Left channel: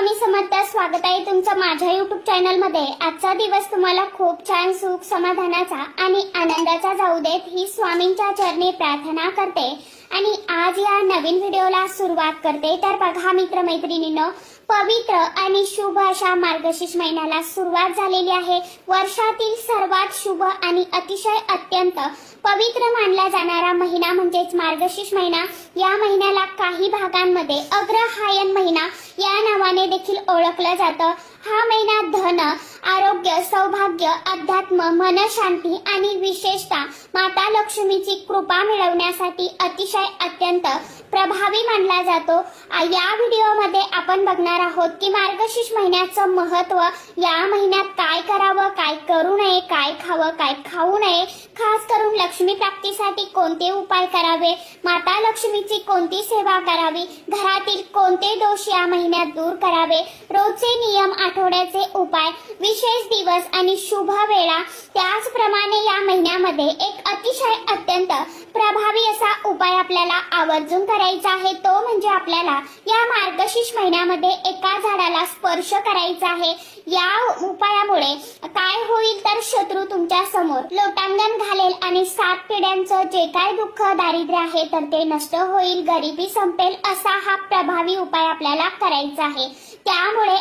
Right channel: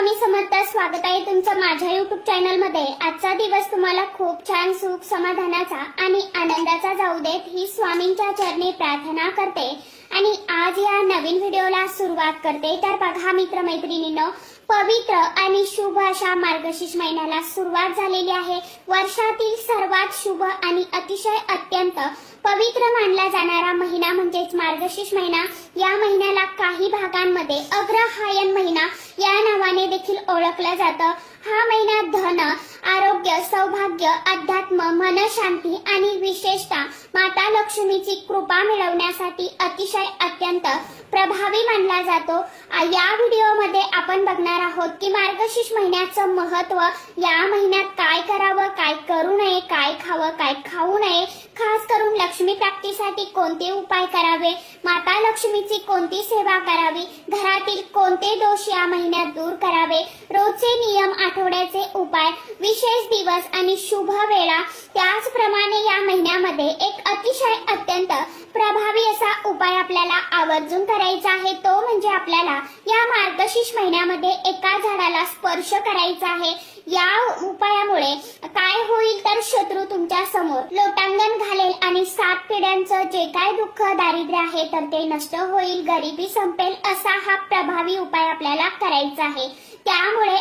स्वामी समर्थ, स्वागत आहे तुमचं माझ्या YouTube चॅनल मध्ये। आजचा दिवस तुम्हाला खूप छान सुख समाधानाचा आणि आनंदाचा जाऊ देत ही स्वामींच्या चरणी प्रार्थना करते आणि आज या नवीन व्हिडिओला सुरुवात करते। तर बघा मित्रमैत्रिणींनो, पवित्र आणि शुभ अशा मार्गशीर्ष महिन्याला सुरुवात झालेली आहे। वर्षातील सर्वात शुभ आणि अतिशय अत्यंत पवित्र मानला जाणारा महिना म्हणजेच मार्गशीर्ष महिना। या महिन्याला काही भागांमध्ये अग्रहायण महिना या नावाने देखील ओळखलं जातं। हा महिना धन, आरोग्य, सौभाग्य, अध्यात्म, मनशांती आणि विशेषतः माता लक्ष्मीची कृपा मिळवण्यासाठी अतिशय अत्यंत प्रभावी मानला जातो। या व्हिडिओमध्ये आपण बघणार आहोत की मार्गशीर्ष महिन्याचं महत्त्व, या महिन्यात काय करावं, काय करू नये, काय खावं, काय खाऊ नये, खास करून लक्ष्मी प्राप्तीसाठी कोणते उपाय करावे, माता लक्ष्मीची कोणती सेवा करावी, घरातील कोणते दोष या महिन्यात दूर करावे, रोजचे नियम, आठवड्याचे उपाय, विशेष दिवस आणि शुभ वेळा। त्याचप्रमाणे या महिन्यामध्ये एक अतिशय अत्यंत प्रभावी असा उपाय आपल्याला आवर्जून करायचा आहे, तो म्हणजे आपल्याला या मार्गशीर्ष महिन्यामध्ये एका झाडाला स्पर्श करायचा आहे। या उपायामुळे काय होईल तर शत्रू तुमच्या समोर लोटांगण घालेल आणि 7 पिढ्यांचं जे काय दुःख, दारिद्र्य आहे तर ते नष्ट होईल, गरिबी संपेल, असा हा प्रभावी उपाय आपल्याला करायचा आहे। त्यामुळे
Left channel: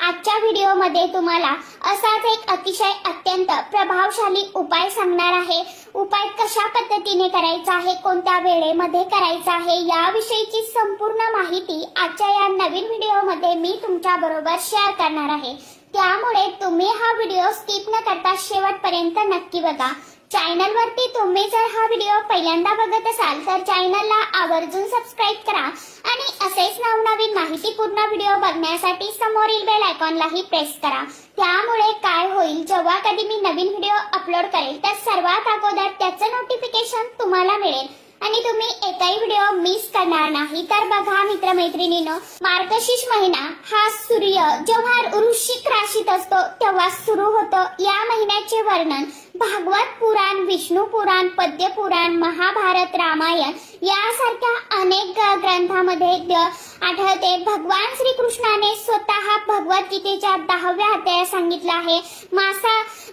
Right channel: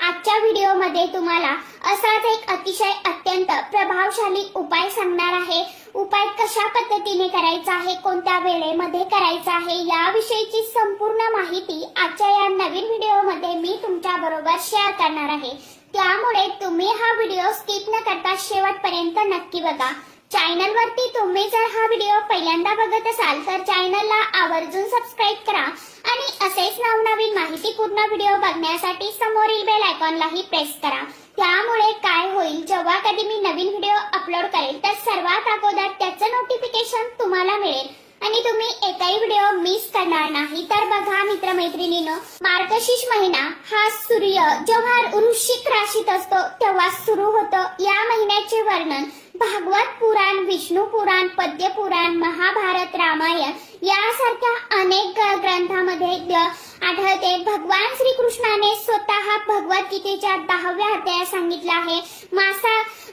आजच्या व्हिडिओमध्ये तुम्हाला असाच एक अतिशय अत्यंत प्रभावशाली उपाय सांगणार आहे। उपाय कशा पद्धतीने करायचा आहे, कोणत्या वेळेमध्ये करायचा आहे, याविषयीची संपूर्ण माहिती आजच्या या नवीन व्हिडिओमध्ये मी तुमच्या बरोबर शेअर करणार आहे। त्यामुळे तुम्ही हा व्हिडिओ स्किप न करता शेवटपर्यंत नक्की बघा। चॅनलवरती तुम्ही जर हा व्हिडिओ पहिल्यांदा बघत असाल तर चॅनलला आवर्जून सबस्क्राइब करा आणि असेच नवनवीन माहितीपूर्ण व्हिडिओ बघण्यासाठी समोरील बेल आयकॉनलाही प्रेस करा। त्यामुळे काय होईल, जेव्हा कधी मी नवीन व्हिडिओ अपलोड करेल तर सर्वात अगोदर त्याचं नोटिफिकेशन तुम्हाला मिळेल आणि तुम्ही एकही व्हिडिओ मिस करणार नाही। तर बघा मित्रमैत्रिणींनो, मार्गशीर्ष महिना हा सूर्य जेव्हा वृश्चिक राशीत असतो तेव्हा सुरू होतो। या महिन्याचे वर्णन भागवत पुराण, विष्णू पुराण, पद्य पुराण, महाभारत, रामायण यासारख्या अनेक ग्रंथामध्ये आढळते। भगवान श्रीकृष्णाने स्वतः भगवद्गीतेच्या 10व्या अध्यायात सांगितलं आहे,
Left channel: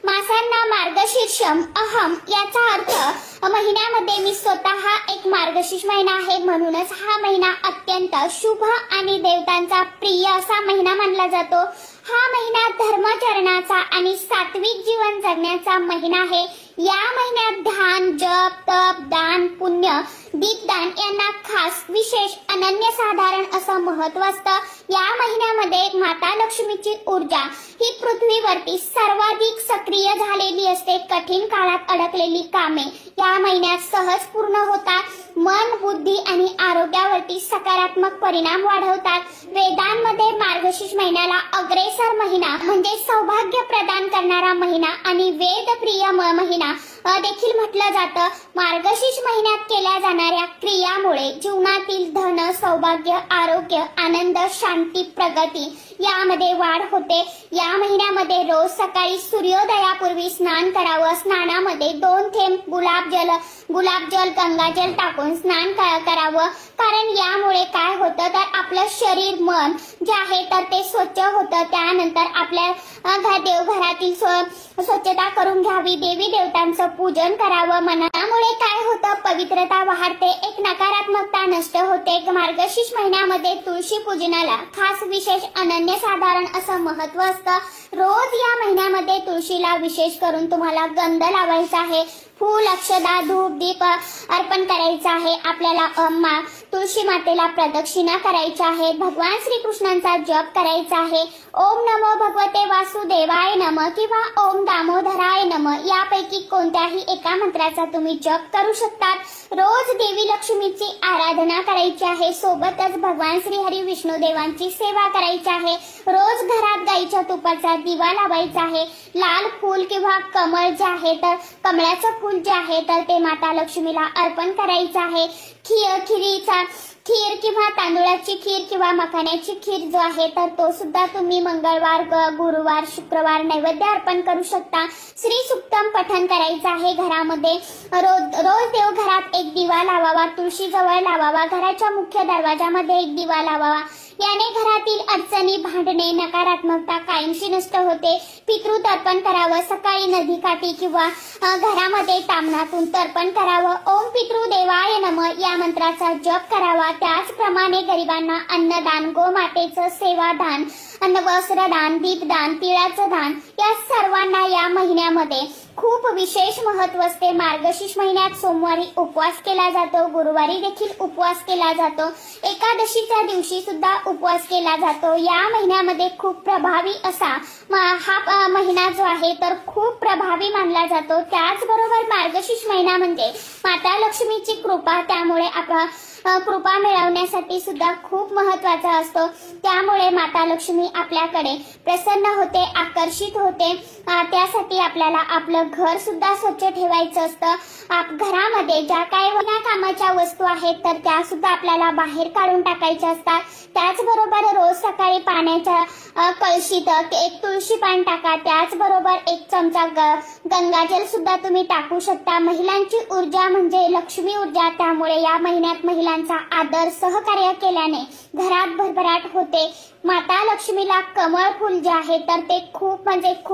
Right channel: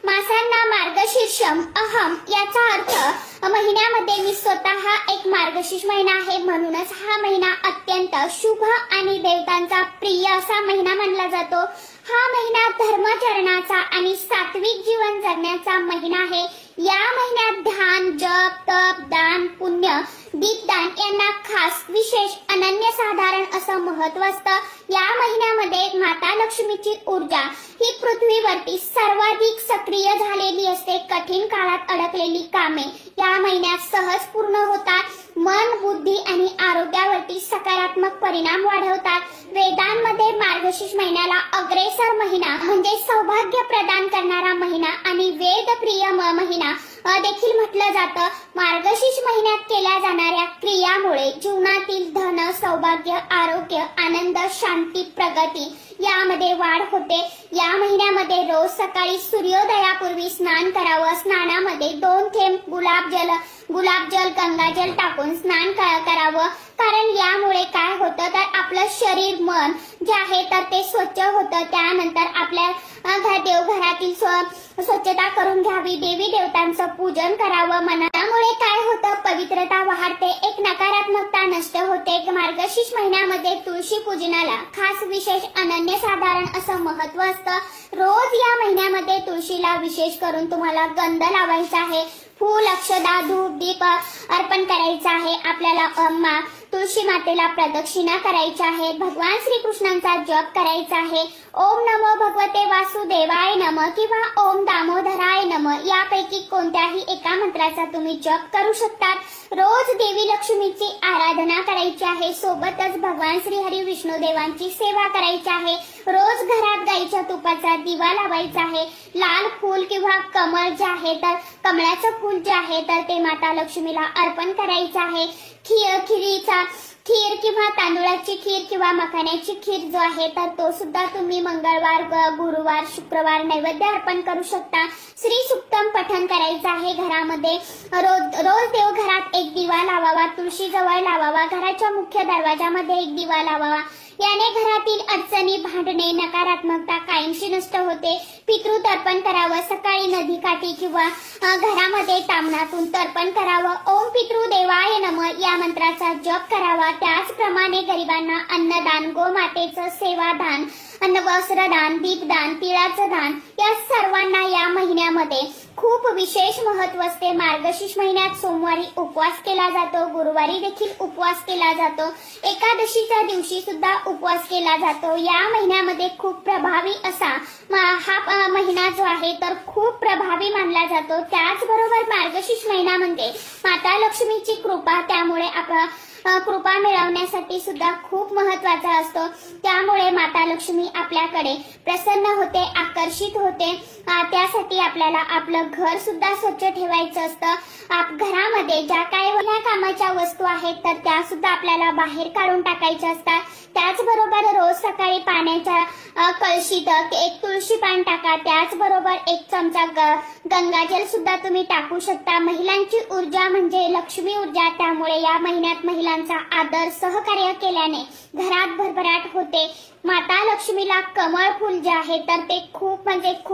मासांना मार्गशीर्षम अहम, याचा अर्थ महिन्यामध्ये मी स्वतः एक मार्गशीर्ष महिना आहे, म्हणूनच हा महिना अत्यंत शुभ आणि देवतांचा प्रिय असा महिना मानला जातो। हा महिना धर्माचरणाचा आणि सात्विक जीवन जगण्याचा महिना आहे। या महिन्यात ध्यान, जप, तप, दान, पुण्य, दीपदान यांना खास, विशेष, अनन्यसाधारण असं महत्त्व असतं। या महिन्यामध्ये माता लक्ष्मीची ऊर्जा ही पृथ्वीवरती सर्वाधिक सक्रिय झालेली असते। कठीण काळात अडकलेली कामे या महिन्यात सहज पूर्ण होतात। मन, बुद्धी आणि आरोग्यावरती सकारात्मक परिणाम वाढवतात। वेदांमध्ये मार्गशीर्ष महिन्याला अग्रेसर महिना म्हणजे सौभाग्य प्रदान करणारा महिना आणि वेदप्रिय महिना देखील म्हटलं जातं। मार्गशीर्ष महिन्यात केल्या जाणाऱ्या क्रियामुळे जीवनातील धन, सौभाग्य, आरोग्य, आनंद, शांती, प्रगती यामध्ये वाढ होते। या महिन्यामध्ये रोज सकाळी सूर्योदयापूर्वी स्नान करावं। स्नानामध्ये 2 थेंब गुलाबजल, गंगाजल टाकून स्नान करावं, कारण यामुळे काय होतं तर आपलं शरीर, मन जे आहे तर ते स्वच्छ होतं। त्यानंतर आपल्या देवघरातील स्वच्छता करून घ्यावी, देवी देवतांचं पूजन करावं। मनामुळे काय होतं, पवित्रता वाढते, एक नकारात्मकता नष्ट होते। मार्गशीर्ष महिन्यामध्ये तुळशी पूजनाला खास, विशेष, अनन्यसाधारण असं महत्त्व असतं। रोज या महिन्यामध्ये तुळशीला विशेष करून तुम्हाला गंध लावायचा आहे, फूल, अक्षदा, धूप, दीप अर्पण करायचा आहे। आपल्याला तुळशी मातेला प्रदक्षिणा करायच्या आहेत, भगवान श्रीकृष्णांचा जप करायचा आहे। ओम नमो भगवते वासुदेवाय नमः किंवा ओम दामोदराय नमः यापैकी कोणत्याही एका मंत्राचा तुम्ही जप करू शकता। रोज देवी लक्ष्मीची आराधना करायची आहे, सोबतच भगवान श्री हरी विष्णू देवांची सेवा करायची आहे। रोज घरात गाईच्या तुपाचा दिवा लावायचा आहे। लाल फूल किंवा कमळ जे आहे तर कमळाचं फूल जे आहे तर ते माता लक्ष्मीला अर्पण करायचं आहे। खीर किंवा तांदूळाची खीर किंवा मखाण्याची खीर जो आहे तर तो सुद्धा तुम्ही मंगळवार, गुरुवार, शुक्रवार नैवेद्य अर्पण करू शकता। श्री सुक्तम पठण करायचं आहे घरामध्ये। रोज देवघरात एक दिवा लावावा, तुळशी जवळ लावावा, घराच्या मुख्य दरवाजामध्ये एक दिवा लावावा। याने घरातील अडचणी, भांडणे, नकारात्मकता कायमची नष्ट होते. पितृतर्पण करावं. सकाळी नदीकाठी किंवा घरामध्ये ताम्हणातून तर्पण करावं. ओम पितृदेवाय नमः या मंत्राचा जप करावा. त्याचप्रमाणे गरिबांना अन्नदान, गोमातेचं सेवादान, वस्त्रदान, दीपदान, तिळाचं दान या सर्वांना या महिन्यामध्ये खूप विशेष महत्व असते. मार्गशीर्ष महिन्यात सोमवारी उपवास केला जातो, गुरुवारी देखील उपवास केला जातो, एकादशीच्या दिवशी सुद्धा उपवास केला जातो. या महिन्यामध्ये खूप प्रभावी असा हा महिना जो आहे तर खूप प्रभावी मानला जातो. त्याचबरोबर मार्गशीर्ष महिना म्हणजे माता लक्ष्मीची कृपा, त्यामुळे कृपा मिळवण्यासाठी सुद्धा खूप महत्वाचा असतो. त्यामुळे माता लक्ष्मी आपल्याकडे प्रसन्न होते, आकर्षित होते. त्यासाठी आपल्याला आपलं घर सुद्धा स्वच्छ ठेवायचं असतं. घरामध्ये ज्या काही विना कामाच्या वस्तू आहेत तर त्या सुद्धा आपल्याला बाहेर काढून टाकायच्या असतात. त्याचबरोबर रोज सकाळी पाण्याच्या कळशीत एक तुळशी पान टाका. त्याचबरोबर 1 चमचा गंगाजल सुद्धा तुम्ही टाकू शकता. महिलांची ऊर्जा म्हणजे लक्ष्मी ऊर्जा, त्यामुळे या महिन्यात महिलांचा आदर, सहकार्य केल्याने घरात भरभराट होते. माता लक्ष्मीला कमळ फूल जे आहे तर ते खूप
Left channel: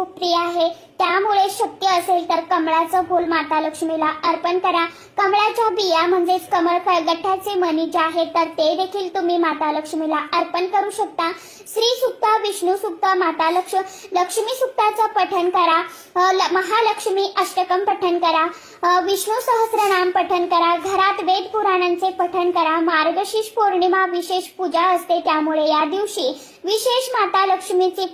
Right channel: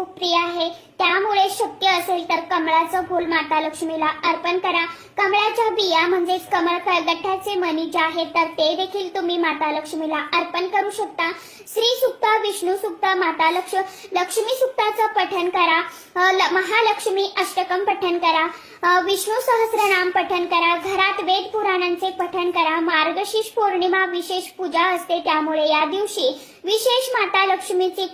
प्रिय आहे. त्यामुळे शक्य असेल तर कमळाचं फूल माता लक्ष्मीला अर्पण करा. कमळाच्या बिया म्हणजेच कमळ गठ्ठाचे मणी जे आहेत तर ते देखील तुम्ही माता लक्ष्मीला अर्पण करू शकता. श्री सुक्त, विष्णू सुक्त, माता लक्ष्मी सुक्ताचं पठण करा. महालक्ष्मी अष्टकम पठण करा. विष्णू सहस्रनाम पठण करा. घरात वेद पुराणांचे पठण करा. मार्गशीर्ष पौर्णिमा विशेष पूजा असते, त्यामुळे या दिवशी विशेष माता लक्ष्मीची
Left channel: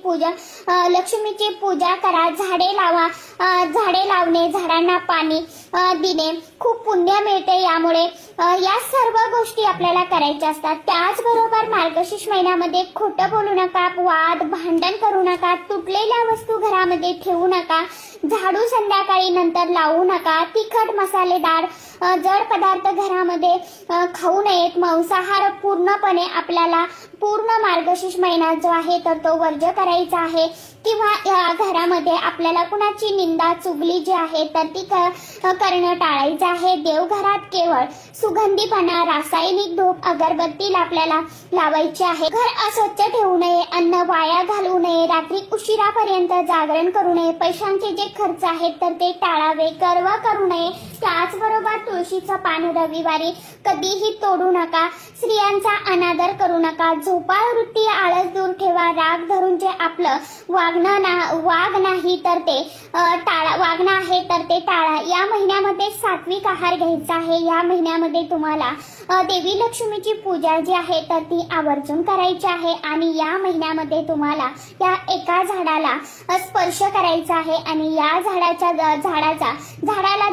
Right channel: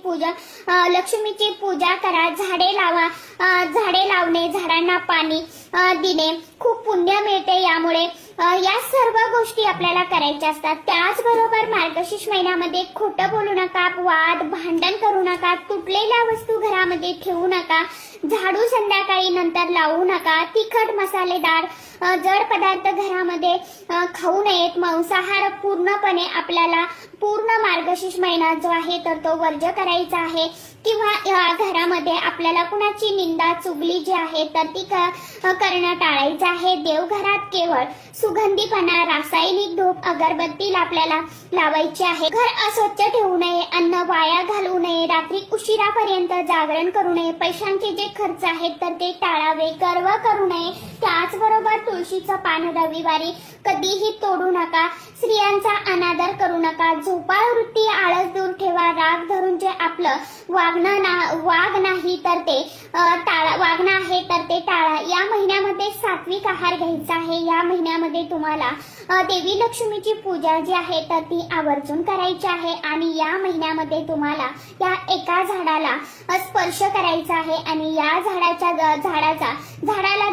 पूजा करा. झाडे लावा. झाडे लावणे, झाडांना पाणी देणे खूप पुण्य मिळते. यामुळे या सर्व गोष्टी आपल्याला करायच्या असतात. त्याचबरोबर मार्गशीर्ष महिन्यामध्ये खोटं बोलू नका, वाद भांडण करू नका, तुटलेल्या वस्तू घरामध्ये ठेवू नका, झाडू संध्याकाळी नंतर लावू नका, तिखट मसालेदार जड पदार्थ घरामध्ये खाऊ नयेत. मांसाहार पूर्णपणे आपल्याला पूर्ण मार्गशीर्ष महिना जो आहे तर तो वर्ज्य करायचा आहे. किंवा घरामध्ये आपल्याला कुणाची निंदा, चुगली जी आहे तर ती करणं टाळायचं आहे. देवघरात केवळ सुगंधीपणा, रासायनिक धूप, अगरबत्ती आपल्याला लावायची आहे. घर अस्वच्छ ठेवू नये, अन्न वाया घालवू नये, रात्री उशिरापर्यंत जागरण करू नये, पैशांचे जे खर्च आहेत तर ते टाळावे, गर्व करू नये. त्याचबरोबर तुळशीचं पान रविवारी कधीही तोडू नका. स्त्रियांचा अनादर करू नका. झोपाळ वृत्ती, आळस दूर ठेवा. राग धरून जे आपलं वाग नाही तर ते वागणं आहे तर ते टाळा. या महिन्यामध्ये सात्विक आहार घ्यायचा आहे. या महिन्यामध्ये तुम्हाला देवी लक्ष्मीची पूजा जी आहे तर ती आवर्जून करायची आहे. आणि या महिन्यामध्ये तुम्हाला या एका झाडाला स्पर्श करायचा आहे. आणि या झाडाला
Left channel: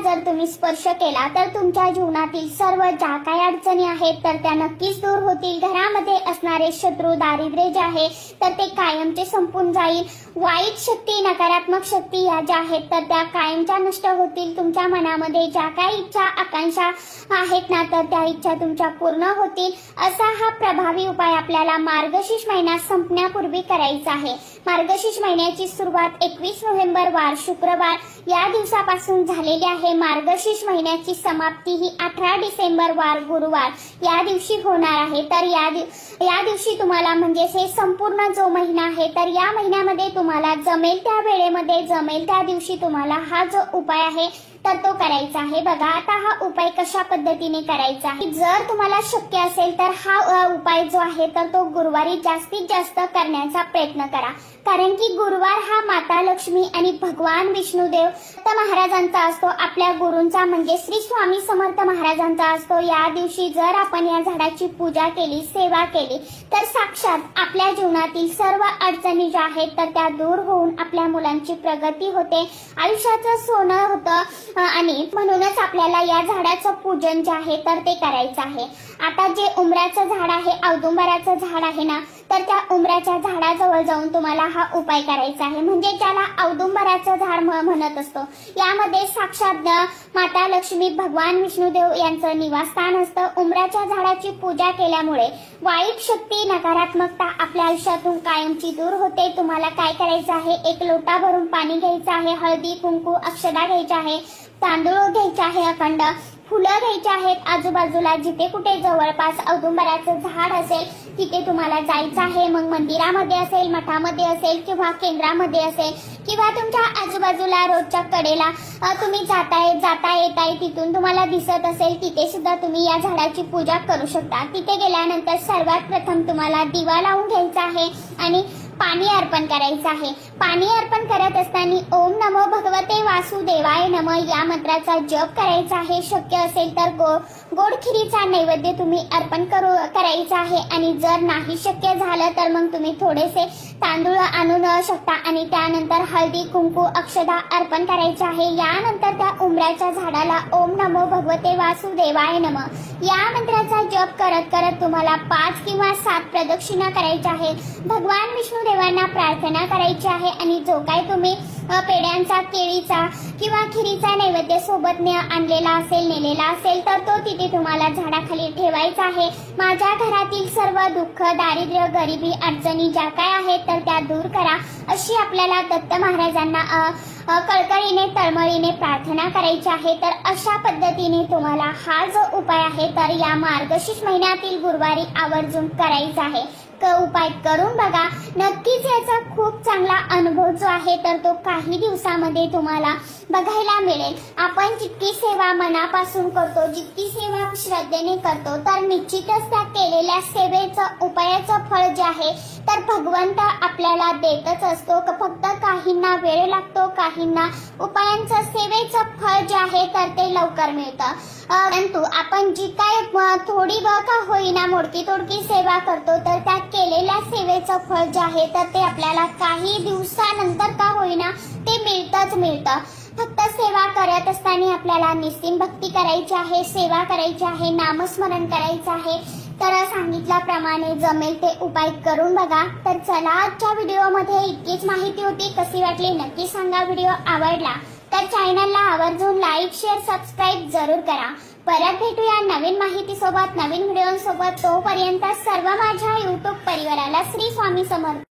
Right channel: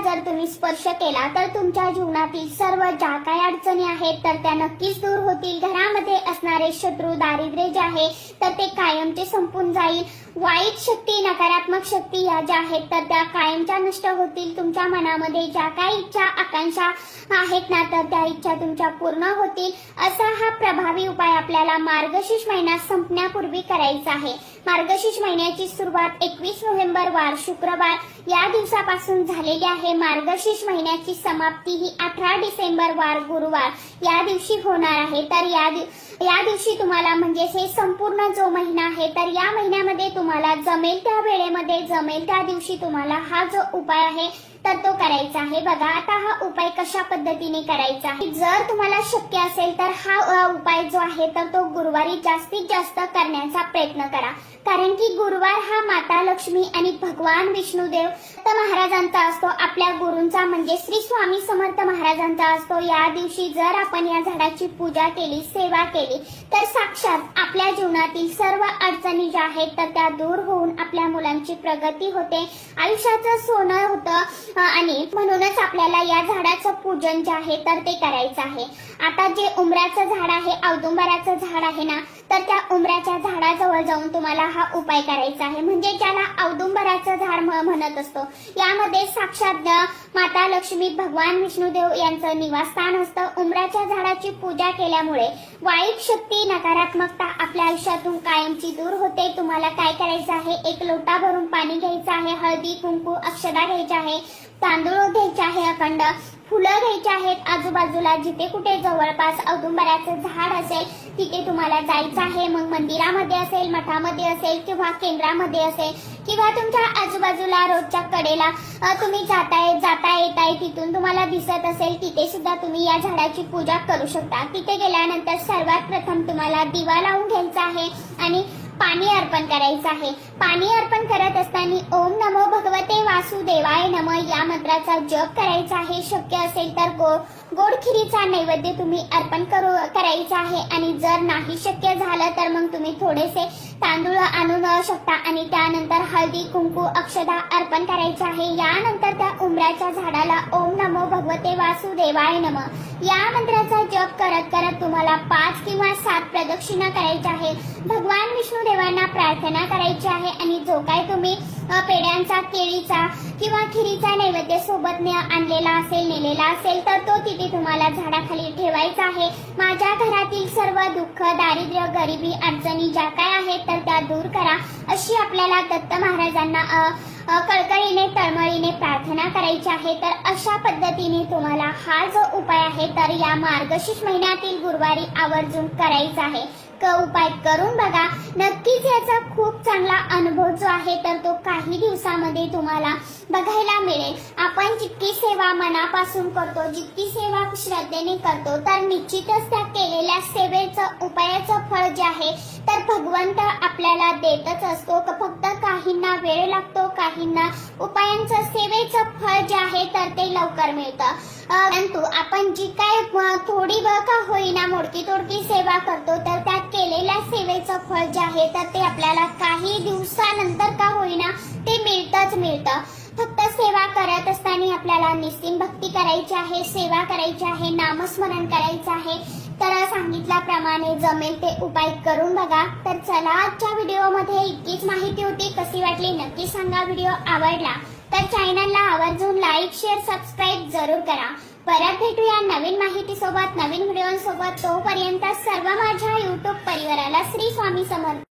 जर तुम्ही स्पर्श केला तर तुमच्या जीवनातील सर्व ज्या काही अडचणी आहेत तर त्या नक्कीच दूर होतील. घरामध्ये असणारे शत्रू, दारिद्र्य जे आहे तर ते कायमचे संपून जाईल. वाईट शक्ती, नकारात्मक शक्ती या ज्या आहेत तर त्या कायमच्या नष्ट होतील. तुमच्या मनामध्ये ज्या काही इच्छा, आकांक्षा आहेत ना तर त्या इच्छा तुमच्या पूर्ण होतील. असा हा प्रभावी उपाय आपल्याला मार्गशीर्ष महिना संपण्यापूर्वी करायचा आहे. मार्गशीर्ष महिन्याची सुरुवात 21 नोव्हेंबर वार शुक्रवार या दिवसापासून झालेली आहे. मार्गशीर्ष महिन्याची समाप्ती ही 18 डिसेंबर वार गुरुवार या दिवशी होणार आहे. तर या दिवशी तुम्हाला म्हणजे हे संपूर्ण जो महिना आहे तर या महिन्यामध्ये तुम्हाला जमेल त्या वेळेमध्ये, जमेल त्या दिवशी तुम्हाला हा जो उपाय आहे तर तो करायचा आहे. बघा आता हा उपाय कशा पद्धतीने करायचा आहे. जर तुम्हाला शक्य असेल तर हा उपाय जो आहे तर तो गुरुवारी जास्तीत जास्त करण्याचा प्रयत्न करा. कारण की गुरुवार हा माता लक्ष्मी आणि भगवान विष्णुदेव महाराजांचा असतो. आपल्या गुरूंचा म्हणजे श्री स्वामी समर्थ महाराजांचा असतो. या दिवशी जर आपण या झाडाची पूजा केली, सेवा केली तर साक्षात आपल्या जीवनातील सर्व अडचणी ज्या आहेत तर त्या दूर होऊन आपल्या मुलांची प्रगती होते, आयुष्याचं सोनं होतं. आणि म्हणूनच आपल्याला या झाडाचं पूजन जे आहे तर ते करायचं आहे. आता जे उंबराचं झाड आहे, औदुंबराचं झाड आहे ना तर त्या उंबराच्या झाडाजवळ जाऊन तुम्हाला हा उपाय करायचा आहे. म्हणजे ज्याला औदुंबराचं झाड म्हणत असतो. यामध्ये साक्षात माता लक्ष्मी, भगवान विष्णुदेव यांचं निवासस्थान असतं. उंबराच्या झाडाची पूजा केल्यामुळे वाईट शक्ती, नकारात्मकता आपल्या आयुष्यातून कायमची दूर होते. तुम्हाला काय करायचं आहे, 1 लोटा भरून पाणी घ्यायचं आहे, हळदी, कुंकू, अक्षदा घ्यायच्या आहे, तांदूळ घ्यायचे आहे अखंड, फुलं घ्यायची आहेत आजूबाजूला, जिथे कुठे जवळपास औदुंबराचं झाड असेल तिथे तुम्हाला जायचं आहे. मग मंदिरामध्ये असेल, मठामध्ये असेल किंवा केंद्रामध्ये असेल किंवा तुमच्या आजूबाजूला रोडच्या कडेला तुम्ही जाता येताय तिथून तुम्हाला दिसत असेल तिथे सुद्धा तुम्ही या झाडाची पूजा करू शकता. तिथे गेल्यानंतर सर्वात प्रथम तुम्हाला दिवा लावून घ्यायचा आहे आणि पाणी अर्पण करायचं आहे. पाणी अर्पण करत असताना ओम नमो भगवते वासुदेवाय नमः या मंत्राचा जप करायचा आहे. शक्य असेल तर गोड खिरीचा नैवेद्य तुम्ही अर्पण करायचा आहे आणि जर नाही शक्य झालं तर मग तुम्ही थोडेसे तांदूळ आणून शकता आणि त्यानंतर हळदी कुंकू अक्षदा अर्पण करायचे आहे. यानंतर त्या उंबराच्या झाडाला ओम नमो भगवते वासुदेवाय नमः या मंत्राचा जप करत करत तुम्हाला 5 किंवा 7 प्रदक्षिणा करायच्या आहे. भगवान विष्णू देवांना प्रार्थना करायची आहे आणि जो काय तुम्ही पेड्यांचा, केळीचा किंवा खिरीचा नैवेद्य सोबत आणलेला असेल, नेलेला असेल तर तो तिथे तुम्हाला झाडाखाली ठेवायचा आहे. माझ्या घरातील सर्व दुःख, दारिद्र्य, गरिबी, अडचणी ज्या काय आहेत तर त्या दूर करा अशी आपल्याला दत्त महाराजांना कळकळीने तळमळीने प्रार्थना करायची आहे. तर अशा पद्धतीने तुम्हाला हा जो उपाय आहे तर या मार्गशीर्ष महिन्यातील गुरुवारी आवर्जून करायचा आहे. उपाय करून बघा, नक्कीच याचा खूप चांगला अनुभव जो आहे तर तो काही दिवसामध्ये तुम्हाला बघायला मिळेल. आपण जितकी सेवा मनापासून करतो, जितकी सेवा श्रद्धेने करतो तर निश्चितच त्या केलेल्या सेवेचं, उपायाचं फळ जे आहे तर भगवंत आपल्याला देतच असतो. फक्त काहींना वेळ लागतो, काहींना उपायांचं, सेवेचं फळ जे आहे तर ते लवकर मिळतं. परंतु आपण जी काय थोडी का होईना मोडकी तोडकी सेवा करतो तर त्या केलेल्या सेवेचं फळ जे आहे तर ते आपल्याला काही दिवसानंतर का होईना ते मिळतं. फक्त सेवा करत असताना आपल्याला निस्सीम भक्ती करायची आहे, सेवा करायची आहे, नामस्मरण करायचं आहे. तर सांगितल्याप्रमाणे जमेल ते उपाय करून बघा. तर चला, आजच्या व्हिडिओमध्ये इतकीच माहिती होती. कशी वाटली नक्की सांगा. व्हिडिओ आवडला तर चॅनलला आवर्जून लाईक, शेअर, सबस्क्राईब जरूर करा. परत भेटूया नवीन माहितीसोबत, नवीन व्हिडिओसोबत. तोपर्यंत सर्व माझ्या युट्यूब परिवाराला श्री स्वामी समर्थ.